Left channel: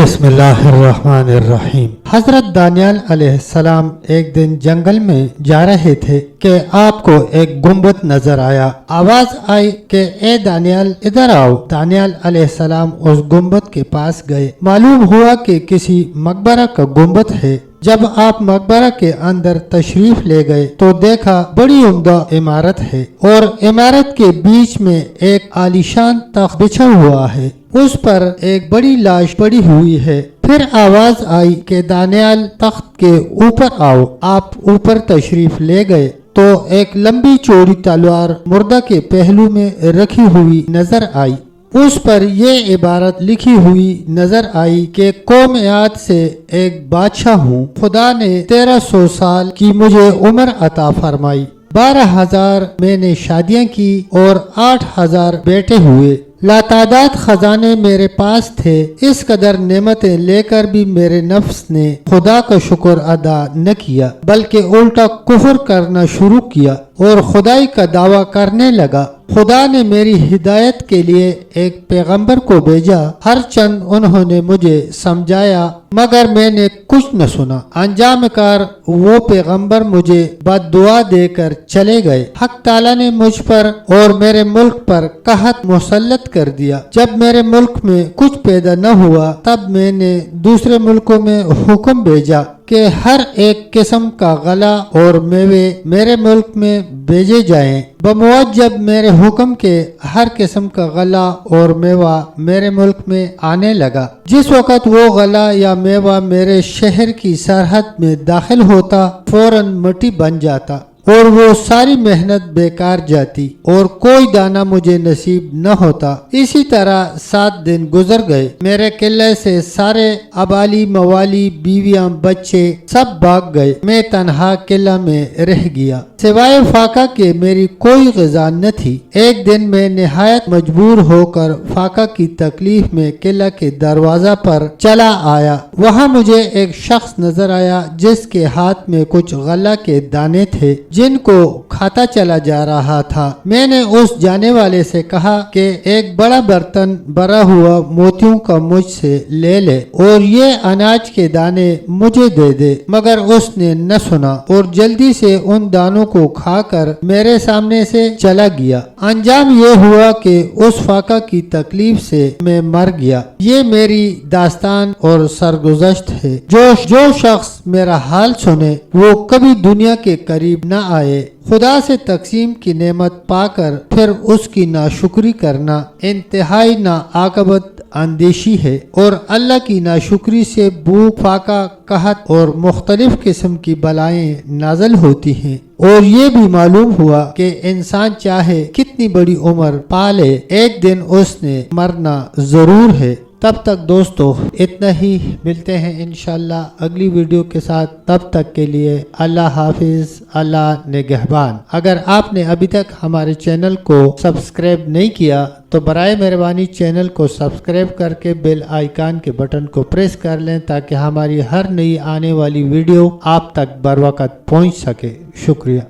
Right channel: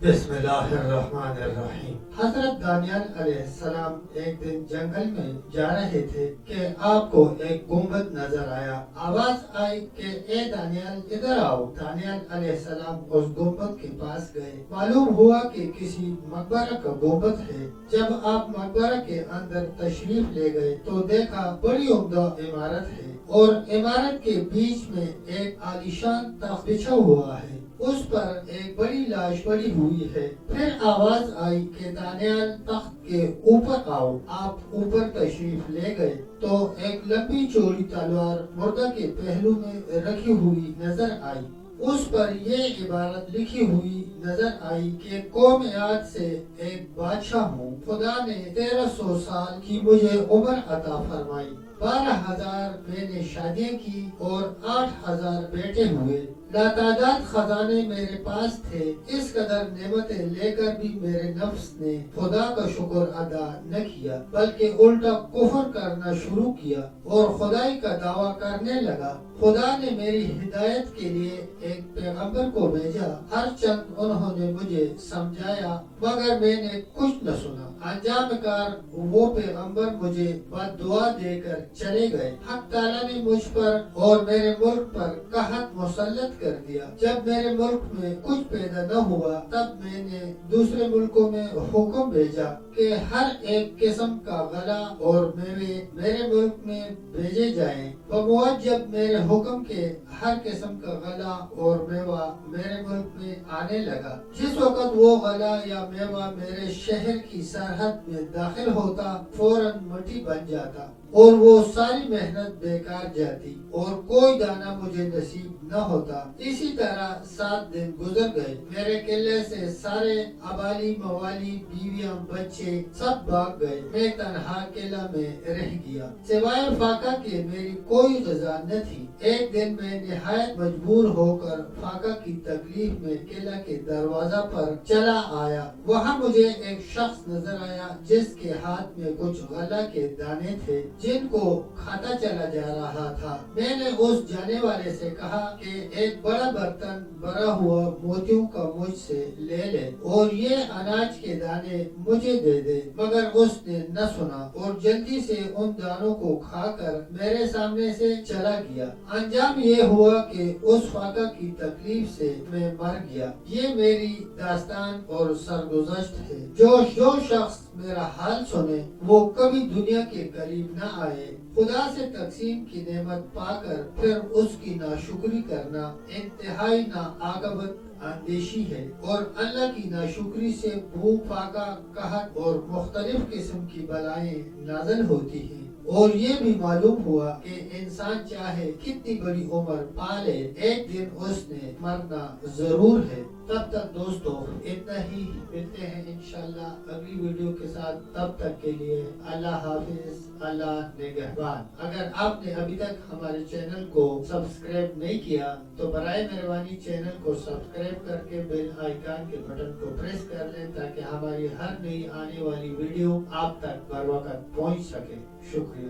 बिस्मिल्लाहिर्रहमानिर्रहीम। हजरत दानियाल अलैहिस्सलाम एक दिन जंगल में जा रहे थे कि आपको एक गुंबद नजर आया। आवाज आई कि ए दानियाल इधर आओ। दानियाल अलैहिस्सलाम उस गुंबद के पास गए। मालूम हुआ कि किसी मकबरा का गुंबद है। जब आप मकबरा के अंदर तशरीफ ले गए तो देखा बड़ी उम्दा इमारत है और इमारत के बीच में एक आलीशान तख्त बिछा हुआ है, उस पर एक बड़ी लाश पड़ी हुई है। फिर आवाज आई कि दानियाल तख्त के ऊपर आओ। आप ऊपर तशरीफ ले गए तो एक लंबी चौड़ी तलवार मुर्दा के पहलू में रखी हुई नजर आई। उस पर ये इबारत लिखी हुई नजर आई कि कौम याद से एक बादशाह हूँ। खुदा ने 1300 साल की मुझे उम्र अता फरमाई। 12,000 मैंने शादियां की और 8,000 बेटे हुए। लातादाद खजाने मेरे पास थे। इस कदर नेमतें लेकर भी मेरे नफ्स ने खुदा का शुक्र अदा न किया, बल्कि उल्टा कुफ्र करना शुरू किया और खुदाई का दावा करने लगा। खुदा ने मेरी हिदायत के लिए एक पैगंबर को भेजा। हर चंद उन्होंने मुझे समझाया मगर मैंने कुछ न सुना। अंजाम कार वो पैगंबर मुझे बद्दुआ देकर चले गए। हक ताला ने मुझ पर और मेरे मुल्क पर कहत मुसल्लत कर दिया। जब मेरे मुल्क में कुछ पैदा न हुआ तब मैंने दूसरे मुल्कों में हुक्म भेजा कि हर एक किस्म का गला और मेवे मेरे मुल्क में भेजे जाएं। बमुअज्जब मेरे हुक्म के हर किस्म का गला और मेवा मेरे मुल्क में आने लगा। जिस वक़्त वो गला या मेवा मेरे शहर की सरहद में दाखिल होता फौरन मिट्टी बन जाता और वो सारी मेहनत बेकार जाती और कोई दाना मुझे नसीब न होता। इसी तरह 7 दिन गुजर गए। मेरे किले से सारे अबाली मवाली बीवियां बच्चे सब भाग गए। मैं तन्हा किला में रह गया। सिवाय फाका के मेरी कोई ग़िज़ा न थी। एक दिन मैं निहायत मजबूर होकर फाका की तकलीफ में किला के दरवाजा पर चला आया। वहाँ मुझे एक शख्स नजर आया जिसके हाथ में कुछ गला के दाने थे जिनको खाता चला जा रहा था। मैंने उस जाने वाले से कहा कि एक बड़ा बर्तन भरा हुआ मोतियों का मुझसे ले ले और ये अनाज के दाने मुझे दे दे, मगर उसने न सुना और जल्दी से उन दानों को खाकर मेरे सामने से चला गया। अंजाम ये हुआ कि उस फाका की तकलीफ से मैं मर गया। ये मेरी दास्तान और सरगुज़श्त है। जो शख्स मेरा हाल सुने वो कभी दुनिया के करीब न आए। खुदा से तकसीम की नेमत पाकर फिर उसकी नाशुक्री करना इंतहाई नाआकबत अंदेशी है और अल्लाह की नाशुक्री से भूख, फाका, कहत और मुख्तलिफ किस्म की बलाएं नाजल होती हैं। और ये भी मालूम हुआ कि इंसान चाहे कितनी बड़ी उम्र पाले एक दिन उसने मरना जरूर है। तब तक दोस्तों इतना ही। मिलते हैं इंशाल्लाह अगली वीडियो के साथ। तब तक के लिए अल्लाह हाफिज, अल्लाह निगहबान। अगर आपने अभी तक हमारे चैनल को सब्सक्राइब नहीं किया तो बराए मेहरबानी चैनल को सब्सक्राइब करके बेल आइकन के बटन को प्रेस कर लें ताकि हमारी हर नई आने वाली वीडियो आप तक बर वक़्त पहुँच सके। शुक्रिया।